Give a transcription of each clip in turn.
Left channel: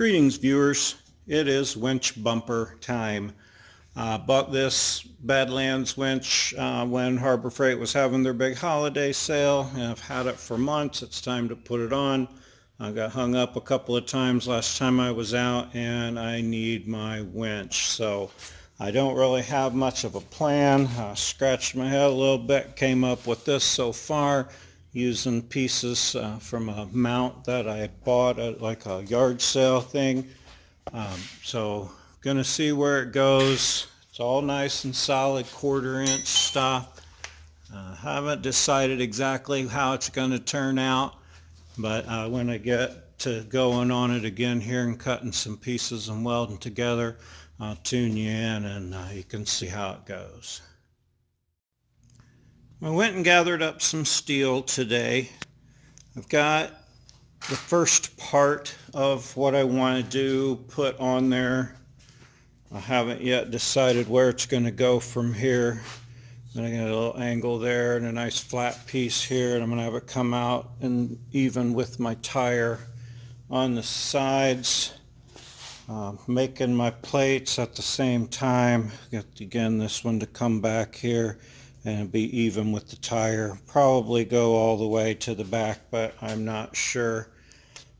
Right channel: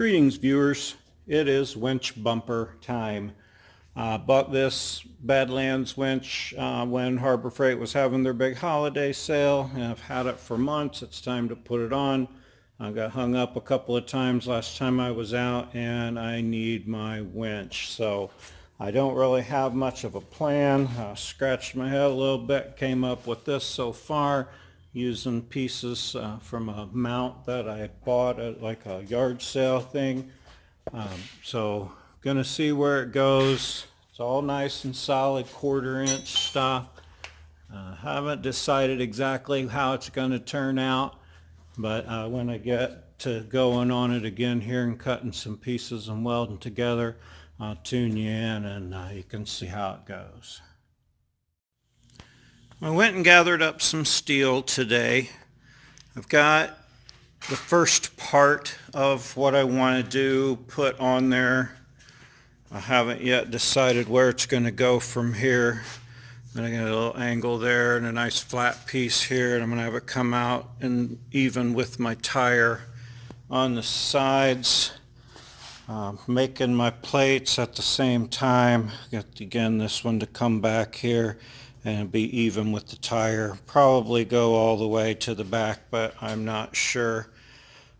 Greetings viewers, it is winch bumper time. Bought this Badlands winch when Harbor Freight was having their big holiday sale, and I've had it for months. It's time to put it on. I got hung up a couple of times last time I was out, and I need my winch. So I don't really have much of a plan. Scratched my head a little bit, came up with this so far, using pieces from a mount that I had bought at like a yard sale thing. So gonna see where it goes. It's all nice and solid 1/4 inch stuff. Haven't decided exactly how it's going to turn out, but when I get to going on it again here and cutting some pieces and welding together, I'll tune you in and you can see how it goes. I went and gathered up some steel today. I've got the first part of what I want to do put on there. I haven't yet decided where it's going to go from here. Then I got a little angle there and a nice flat piece here, and I'm going to have it come out and even with my tire on the sides. Making my plates at the same time. Got again this one to come back here and be even with the tire. Probably go all the way to the back, but I'm not sure.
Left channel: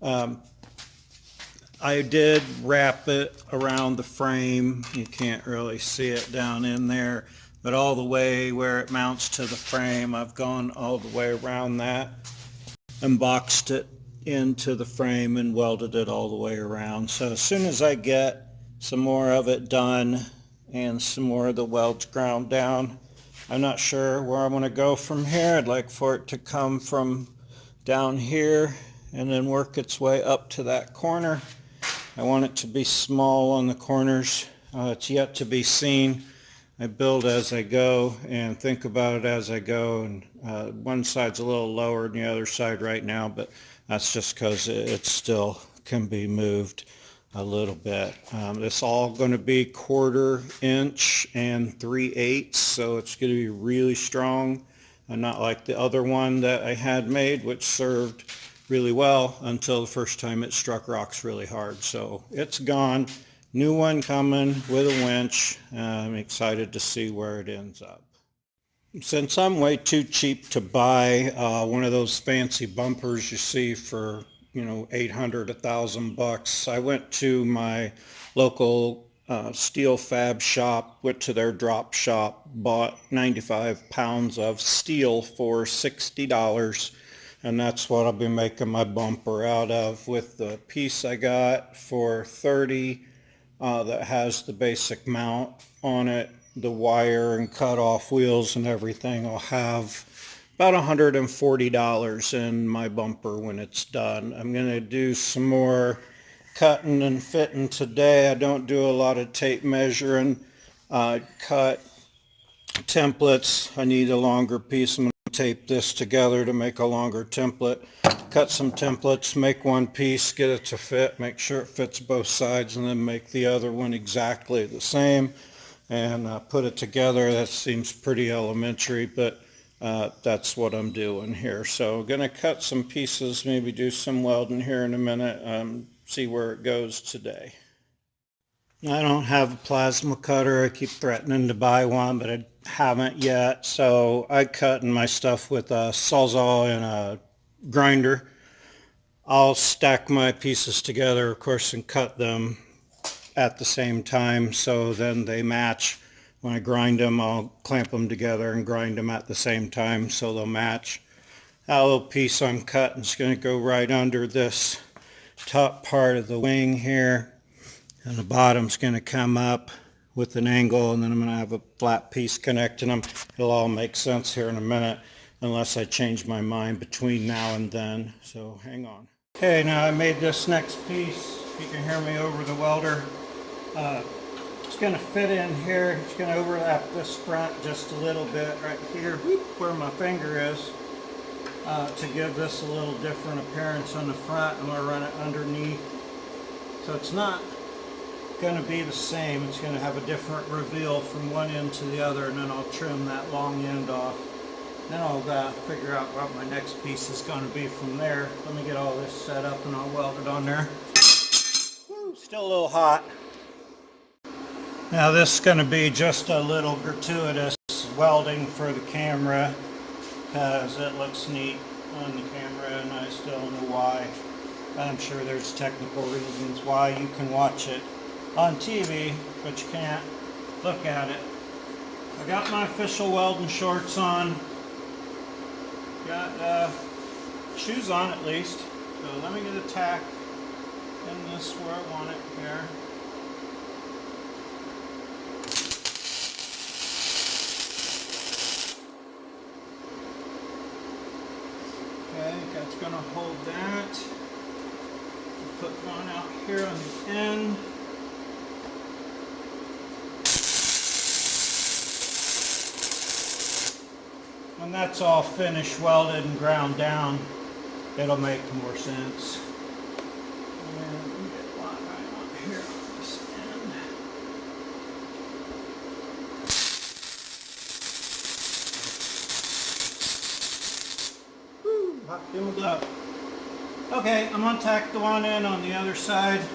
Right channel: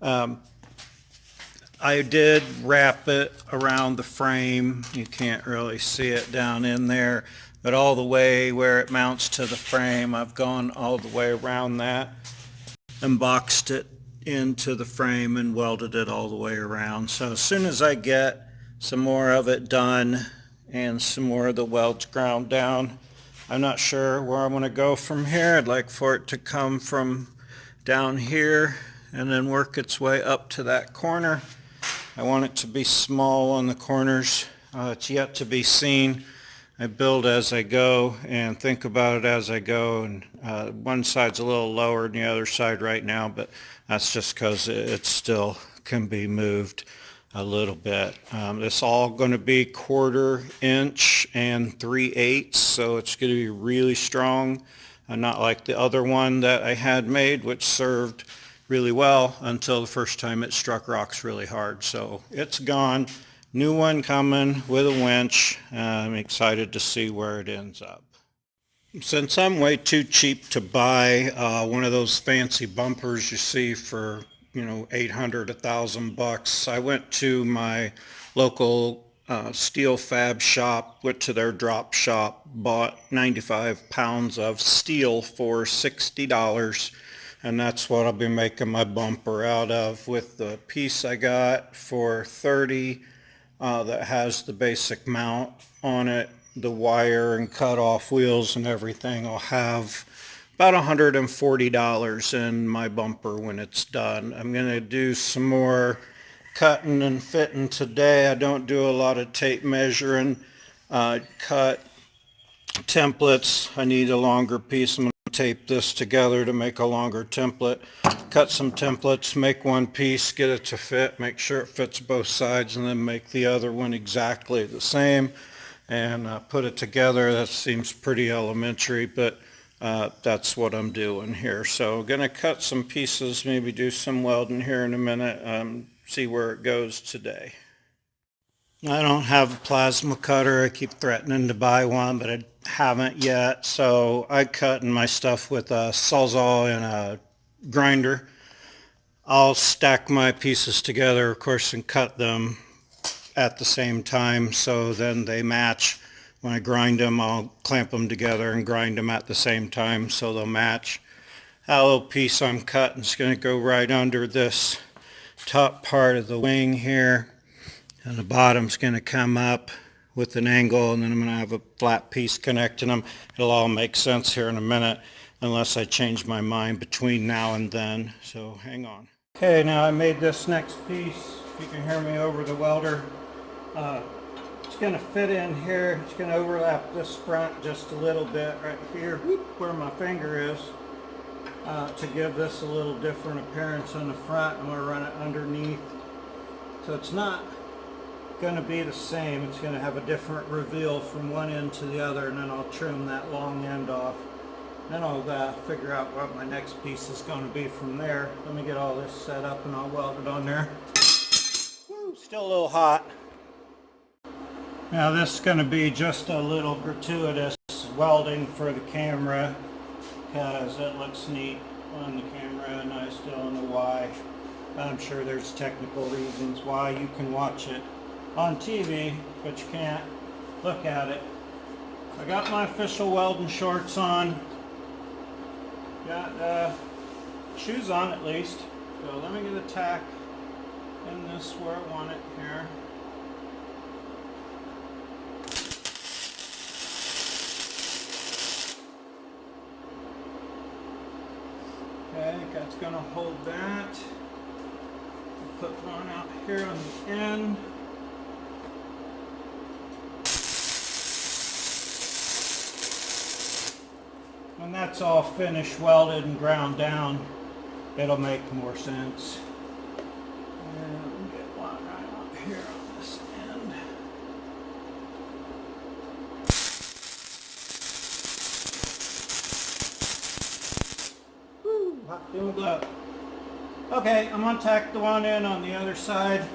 I did wrap it around the frame. You can't really see it down in there, but all the way where it mounts to the frame, I've gone all the way around that and boxed it into the frame and welded it all the way around. So as soon as I get some more of it done and some more of the welds ground down, I'm not sure where I'm going to go from here. I'd like for it to come from down here and then work its way up to that corner. I want it to be small on the corners. It's yet to be seen. I build as I go and think about it as I go, and one side's a little lower than the other side right now, but that's just because it still can be moved a little bit. This all going to be 1/4 inch and 3/8, so it's going to be really strong, and not like the other one that I had made, which served really well until the first time it struck rocks really hard. So it's gone. New one coming with a winch. I'm excited to see where it ends up. Since I'm way too cheap to buy one of those fancy bumpers you see for, you know, $800, $1,000, I went to my local steel fab shop, went to their drop shop, bought 95 pounds of steel for $60, and that's what I'll be making my bumper out of, with the piece I got for $30 that has the basic mount on it, the wire and cut off wheels and everything. I'll have about $140 in my bumper when it's done. I'm going to do some more cutting and fitting today. I don't do a lot of tape measuring. Cut templates. I need a longer piece. I'm going to tape this together to make a longer template. Cut some templates, make one piece, get it to fit, make sure it fits both sides, and then make the other one exactly the same and put it together. That seems pretty elementary, but that's what I'm doing here. So going to cut some pieces, maybe do some welding here in a minute, see where it goes today. I don't have a plasma cutter. I keep threatening to buy one, but I haven't yet. So I cut my stuff with a Sawzall and a grinder. I'll stack my pieces together, of course, and cut them at the same time, so then they match. When I grind them, I'll clamp them together and grind them at the same time so they'll match. That little piece I'm cutting is going to go right under this top part of the wing here, and the bottom's going to come up with an angle, and then I'm going to have a flat piece connecting them. It'll all make sense here in a minute, unless I change my mind between now and then, so hang on. Okay, now I made this next piece. You can hear me over the welder. It's going to fit in here. It's going to overlap this front just a little bit right here, where my finger is, to give this a little different appearance on the front. I'm going to run it underneath. So it's not going to be the same. It's going to have a different reveal from one end to the other, and then I'll trim that long end off. Then I'll figure out what my next piece is going to be from there. Let me get all this set up and I'll weld it on there. Still a little hot. Now this is going to be just a little gratuitous welding for the camera because it looks neat on the camera and I still don't know why. I'm sure there's technical reasons why you can watch it on TV, but you can't look at it. I got my official welding shorts on. Got shoes on at least. So let me get a tack in this where I want it here. Okay, that's going to hold that. Put one out here on the end. When that's all finished, welded and ground down, it'll make more sense. And let me get one right up here on this end. Woo, hot doing glove. Okay, I'm going to tack the one in on the other side.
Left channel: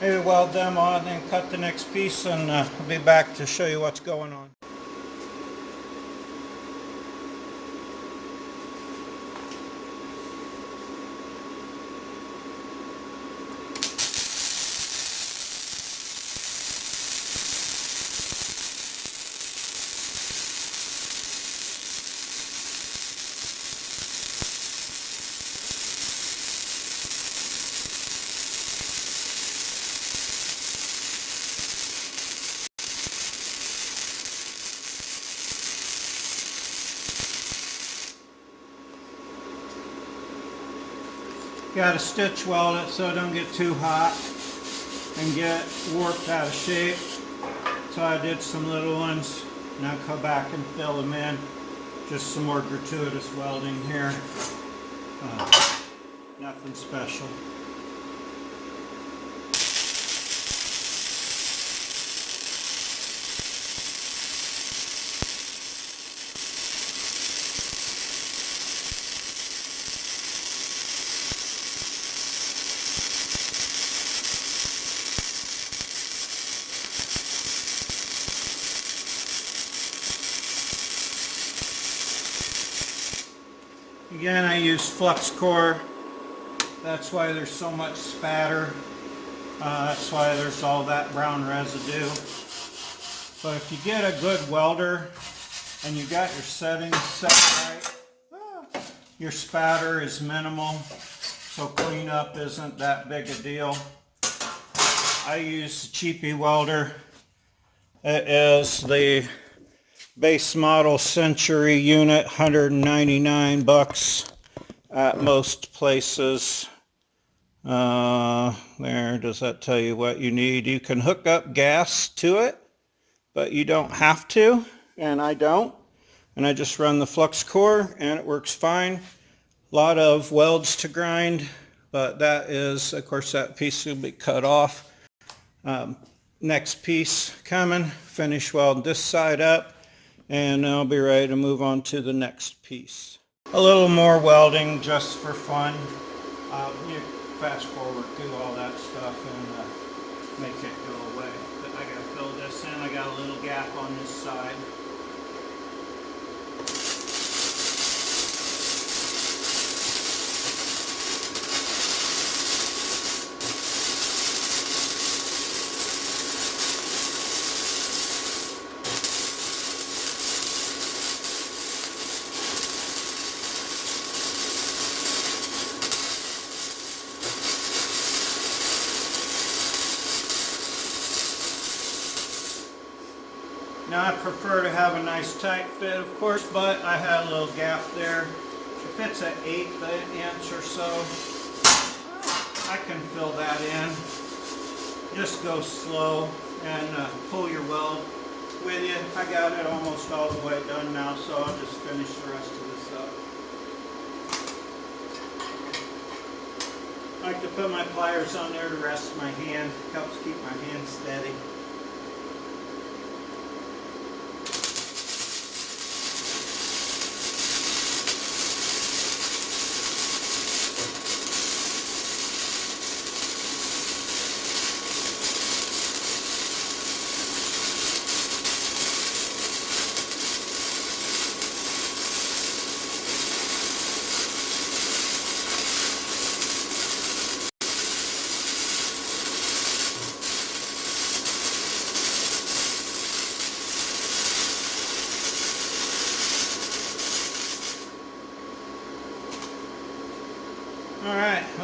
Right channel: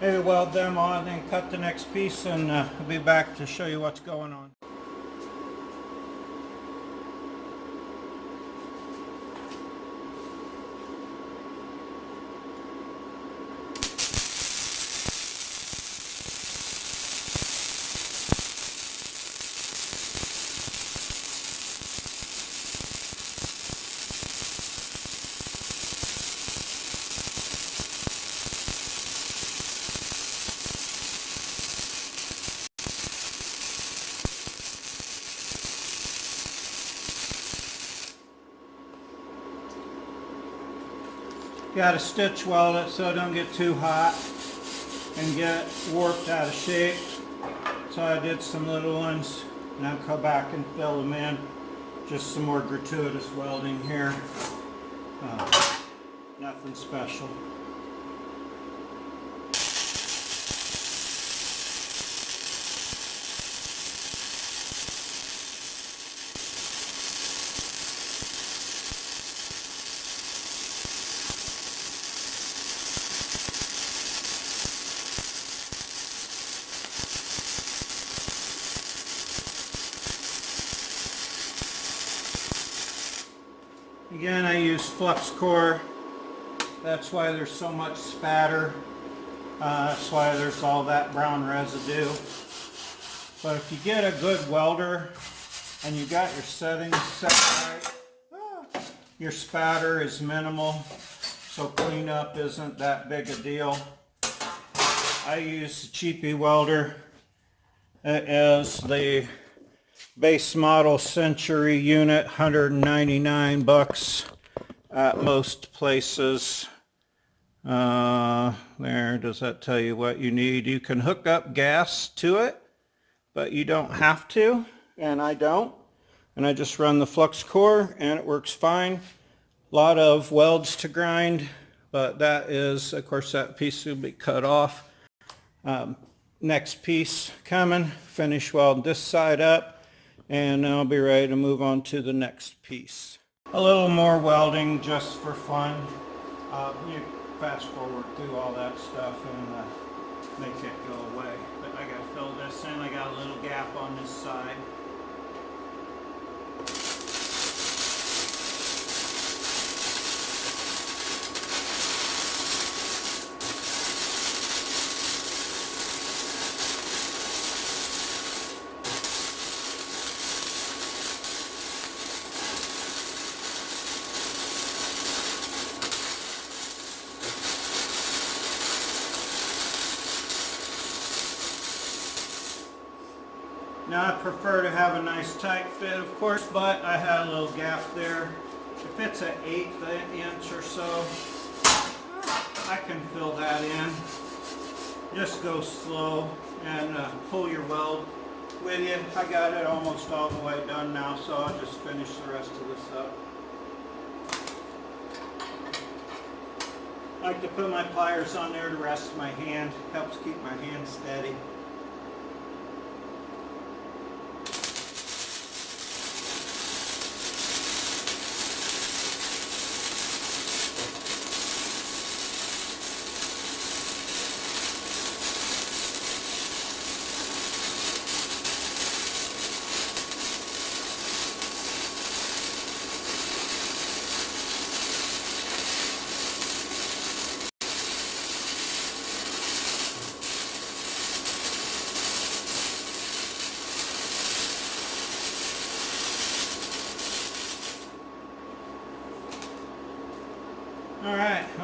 Maybe weld them on, then cut the next piece, and I'll be back to show you what's going on. Got to stitch weld it so it don't get too hot and get warped out of shape. So I did some little ones. Now come back and fill them in. Just some more gratuitous welding here. Nothing special. Again, I use flux core. That's why there's so much spatter. That's why there's all that brown residue. But if you get a good welder and you got your settings set right, your spatter is minimal, so cleanup isn't that big a deal. I use a cheapy welder. It is the base model Century unit, 199 bucks at most places. There, does that tell you what you need? You can hook up gas to it, but you don't have to, and I don't. And I just run the flux core and it works fine. A lot of welds to grind, but that is, of course, that piece will be cut off. Next piece coming, finish welding this side up. And I'll be ready to move on to the next piece. A little more welding just for fun. You fast forward through all that stuff and make it go away. But I gotta fill this in. I got a little gap on this side. Now I prefer to have a nice tight fit, of course, but I had a little gap there. If it's an 1/8 inch or so, I can fill that in. Just go slow and pull your weld with you. I got it almost all the way done now, so I'll just finish the rest of this up. I like to put my pliers on there to rest my hand. Helps keep my hand steady.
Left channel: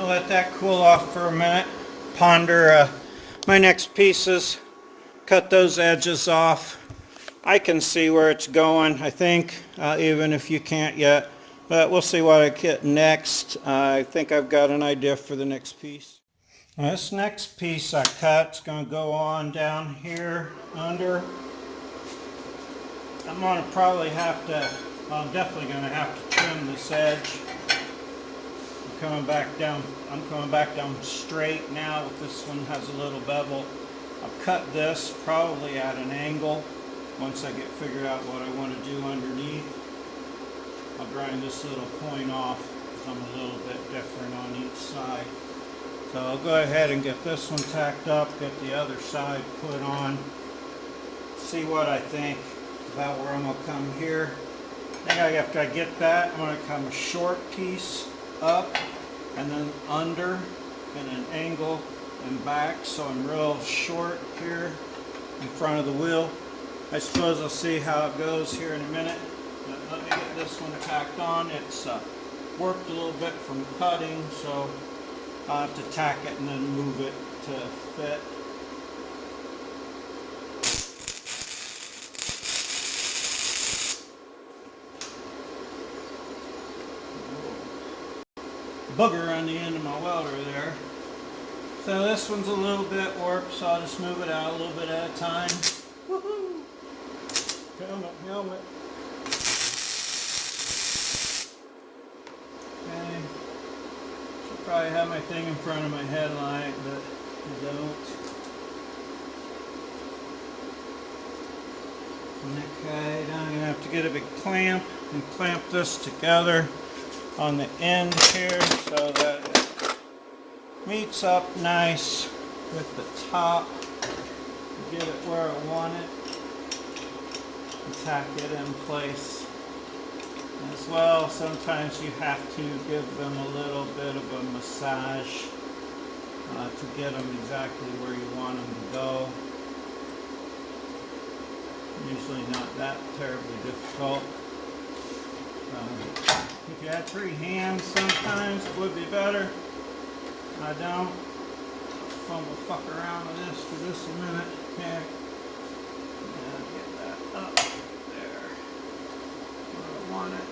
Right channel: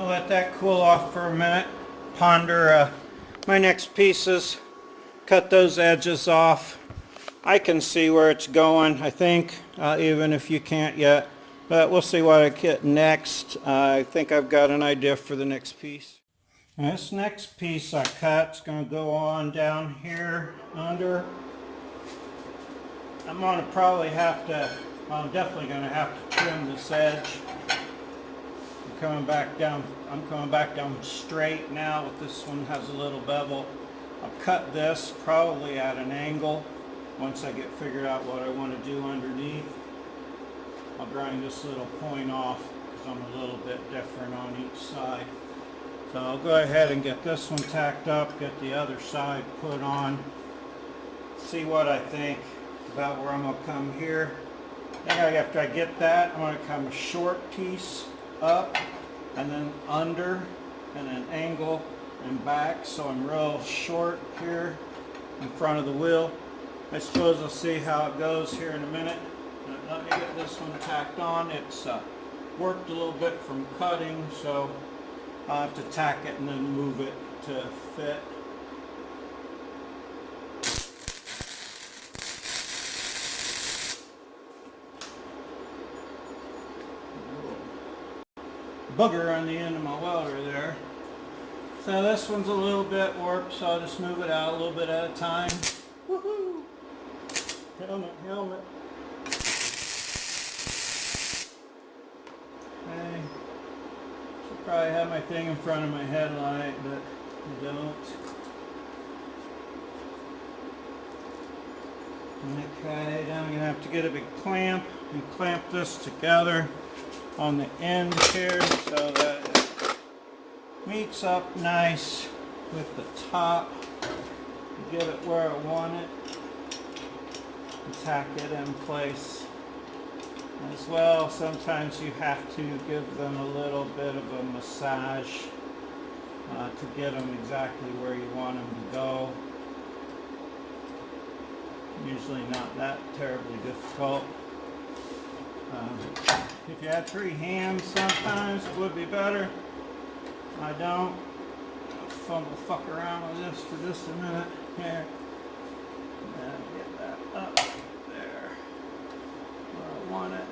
let that cool off for a minute. Ponder my next pieces. Cut those edges off. I can see where it's going, I think, even if you can't yet. But we'll see what I get next. I think I've got an idea for the next piece. And this next piece I cut is going to go on down here under. I'm going to probably have to, well, I'm definitely going to have to trim this edge. I'm coming back down straight now, but this one has a little bevel. I'll cut this probably at an angle once I get figured out what I want to do underneath. I'll grind this little point off because I'm a little bit different on each side. So I'll go ahead and get this one tacked up, get the other side put on, see what I think about where I'm going to come here. Then after I get that, I'm going to come a short piece up and then under and an angle and back, so I'm real short here in front of the wheel. I suppose I'll see how it goes here in a minute. But let me get this one tacked on. It's worked a little bit from cutting, so I'll have to tack it and then move it to fit. Booger on the end of my welder there. So this one's a little bit warped, so I'll just move it out a little bit at a time. Woohoo! Helmet, helmet. Okay. Should probably have my thing in front of my headlight, but I don't. Okay, now I'm going to have to get a big clamp and clamp this together on the end here so that it meets up nice with the top. Get it where I want it and tack it in place. As well, sometimes you have to give them a little bit of a massage to get them exactly where you want them to go. Usually not that terribly difficult. If you had 3 hands, sometimes it would be better. I don't. I'll fuck around with this for just a minute here. And get that up there where I want it.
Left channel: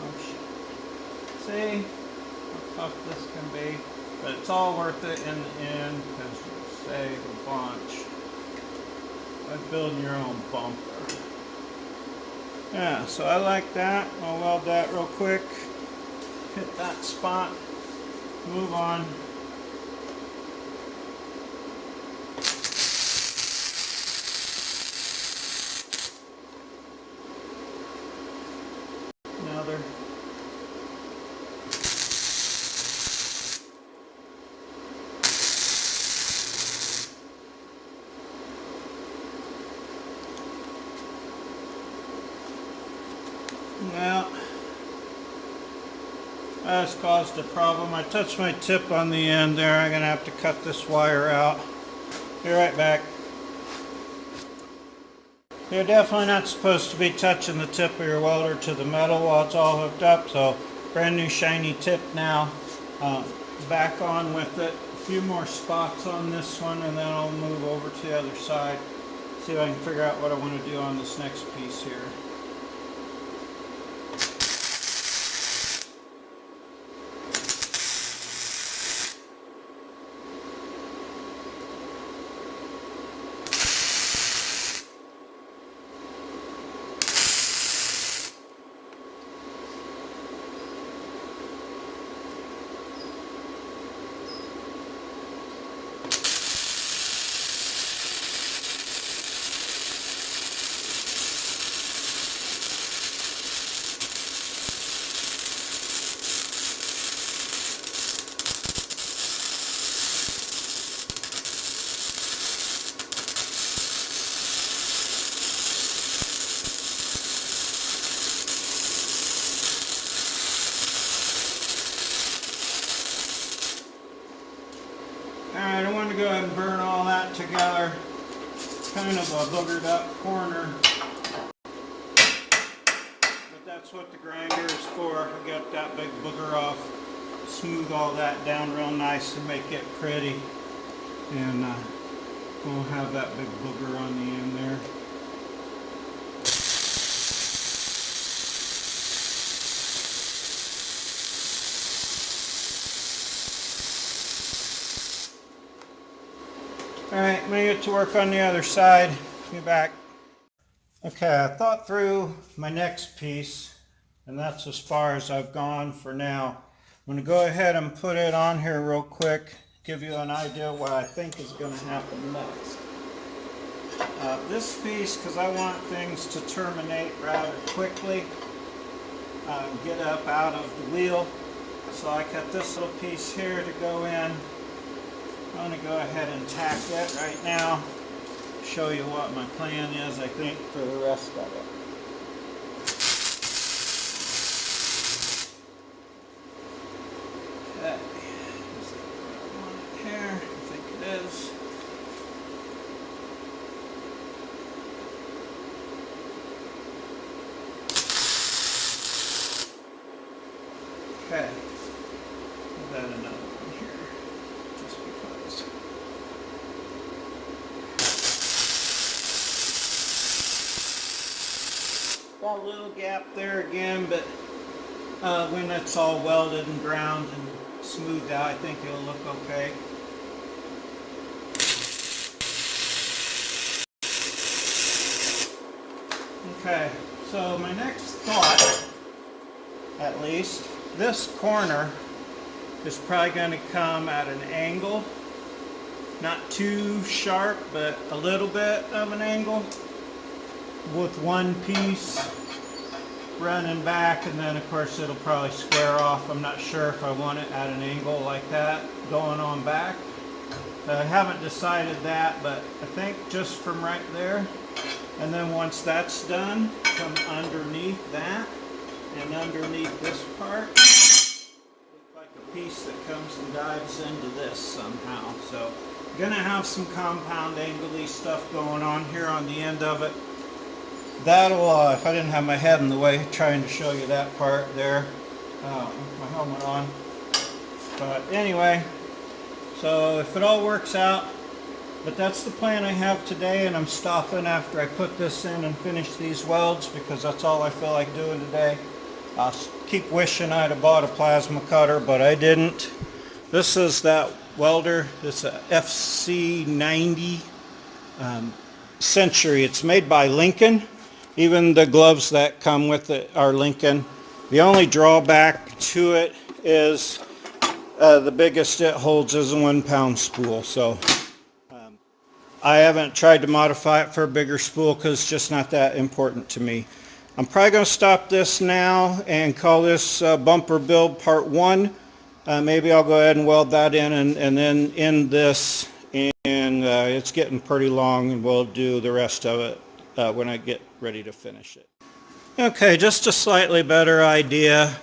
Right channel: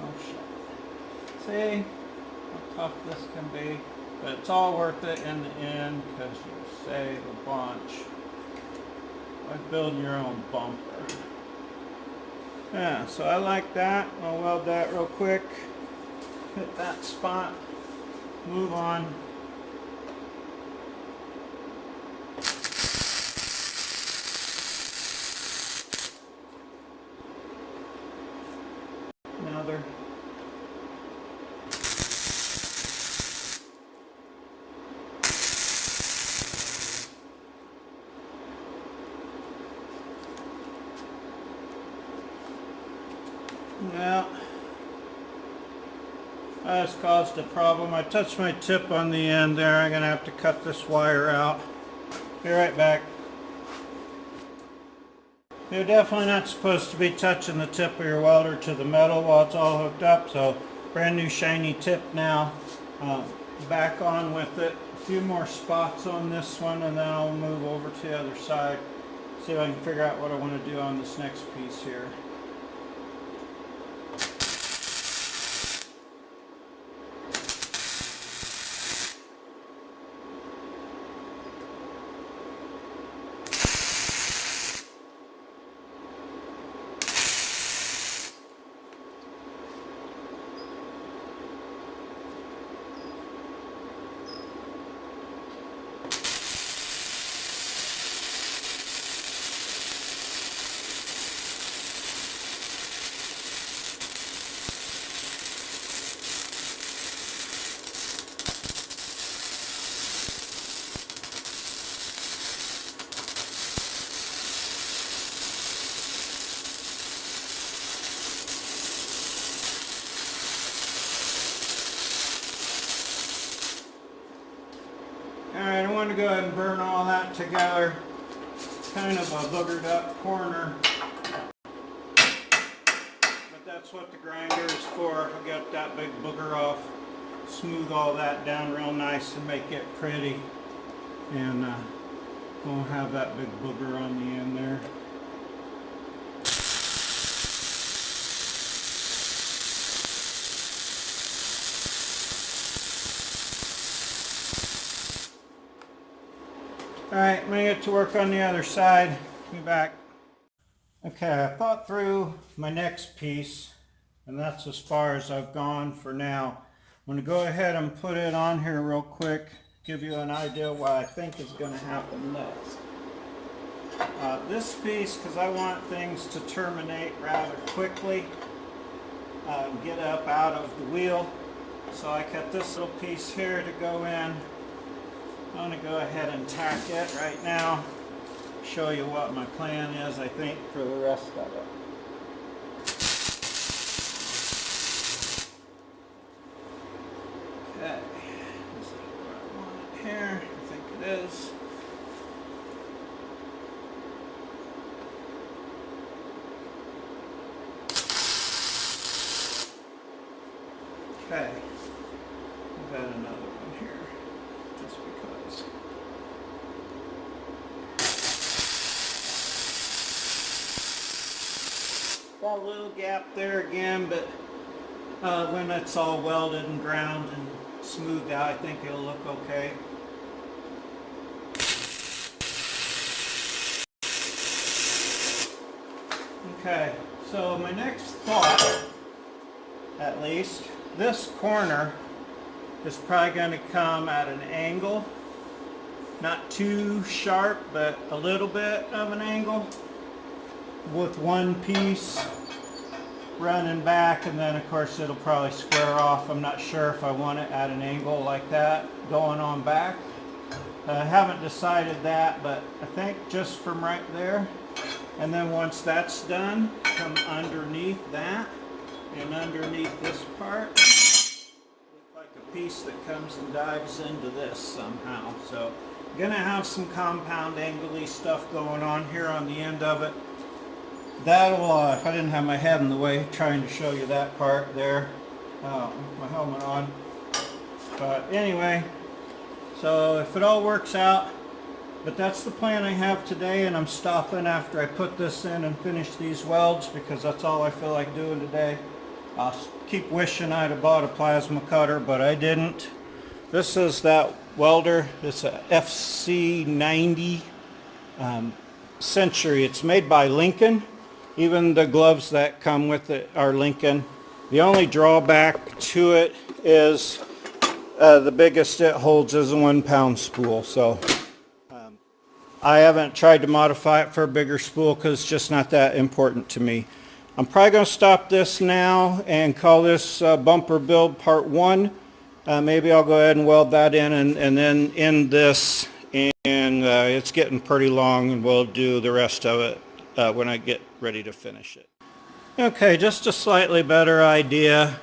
Oh shit. See how tough this can be? But it's all worth it in the end because you'll save a bunch. Like building your own bumper. Yeah, so I like that. I'll weld that real quick. Hit that spot. Move on. Another. Well, that's caused a problem. I touched my tip on the end there. I'm going to have to cut this wire out. Be right back. You're definitely not supposed to be touching the tip of your welder to the metal while it's all hooked up. So brand new shiny tip now. Back on with it. A few more spots on this one and then I'll move over to the other side. See if I can figure out what I want to do on this next piece here. Alright, I want to go ahead and burn all that together. Kind of a boogered up corner. But that's what the grinder is for. I'll get that big booger off smooth all that down real nice and make it pretty. And won't have that big booger on the end there. Alright, I'm going to get to work on the other side. Be back. Okay, I thought through my next piece, and that's as far as I've gone for now. I'm going to go ahead and put it on here real quick, give you an idea what I think is going to happen next. This piece, because I want things to terminate rather quickly, get up out of the wheel, so I got this little piece here to go in. I'm going to go ahead and tack it right now, show you what my plan is, I think, for the rest of it. Okay, is that what I want it here? I think it is. Okay, I've got another one here, just because. Got a little gap there again, but when it's all welded and ground and smoothed out, I think it'll look okay. Okay, so my next thought, at least, this corner is probably going to come at an angle, not too sharp, but a little bit of an angle, with one piece running back, and then of course it'll probably square off. I'm not sure if I want it at an angle like that going on back. I haven't decided that, but I think just from right there, and then once that's done, come underneath that and underneath this part, look like a piece that comes and dives into this somehow. So I'm gonna have some compound angle-y stuff going on here on the end of it. That'll, if I didn't have my head in the way trying to show you that part there, with my helmet on. But anyway, so if it all works out, but that's the plan I have today, and I'm stopping after I put this in and finish these welds because that's all I feel like doing today. I'll keep wishing I'd have bought a plasma cutter, but I didn't. This is that welder. It's a FC90 Century. It's made by Lincoln. Even the gloves that come with it are Lincoln. The only drawback to it is the biggest it holds is a 1 pound spool. So I haven't tried to modify it for a bigger spool because it's just not that important to me. I'm probably going to stop this now and call this bumper build part 1. Maybe I'll go ahead and weld that in and then end this. And it's getting pretty long, and we'll do the rest of it when I get ready to finish it. Okay, just a slightly better idea.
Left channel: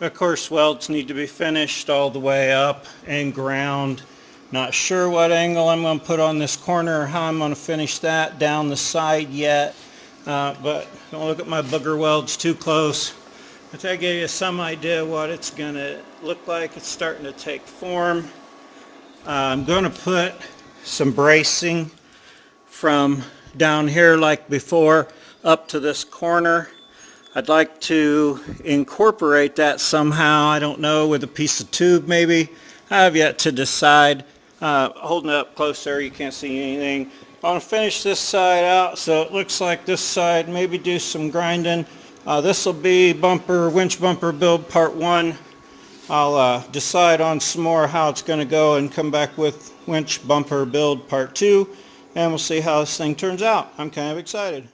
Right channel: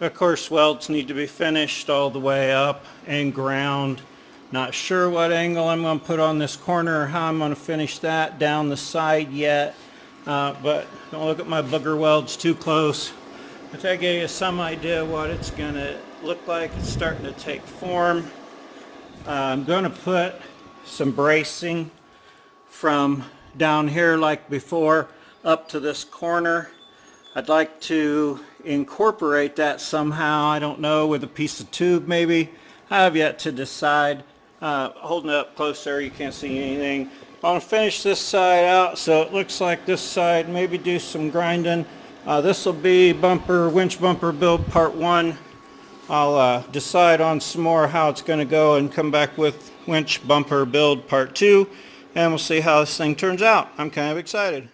Of course, welds need to be finished all the way up and ground. Not sure what angle I'm going to put on this corner or how I'm going to finish that down the side yet. But don't look at my booger welds too close. But that gave you some idea what it's going to look like. It's starting to take form. I'm going to put some bracing from down here like before up to this corner. I'd like to incorporate that somehow. I don't know, with a piece of tube maybe. I have yet to decide. Holding it up close there, you can't see anything. I want to finish this side out so it looks like this side. Maybe do some grinding. This will be winch bumper build part 1. I'll decide on some more how it's going to go and come back with winch bumper build part 2, and we'll see how this thing turns out. I'm kind of excited.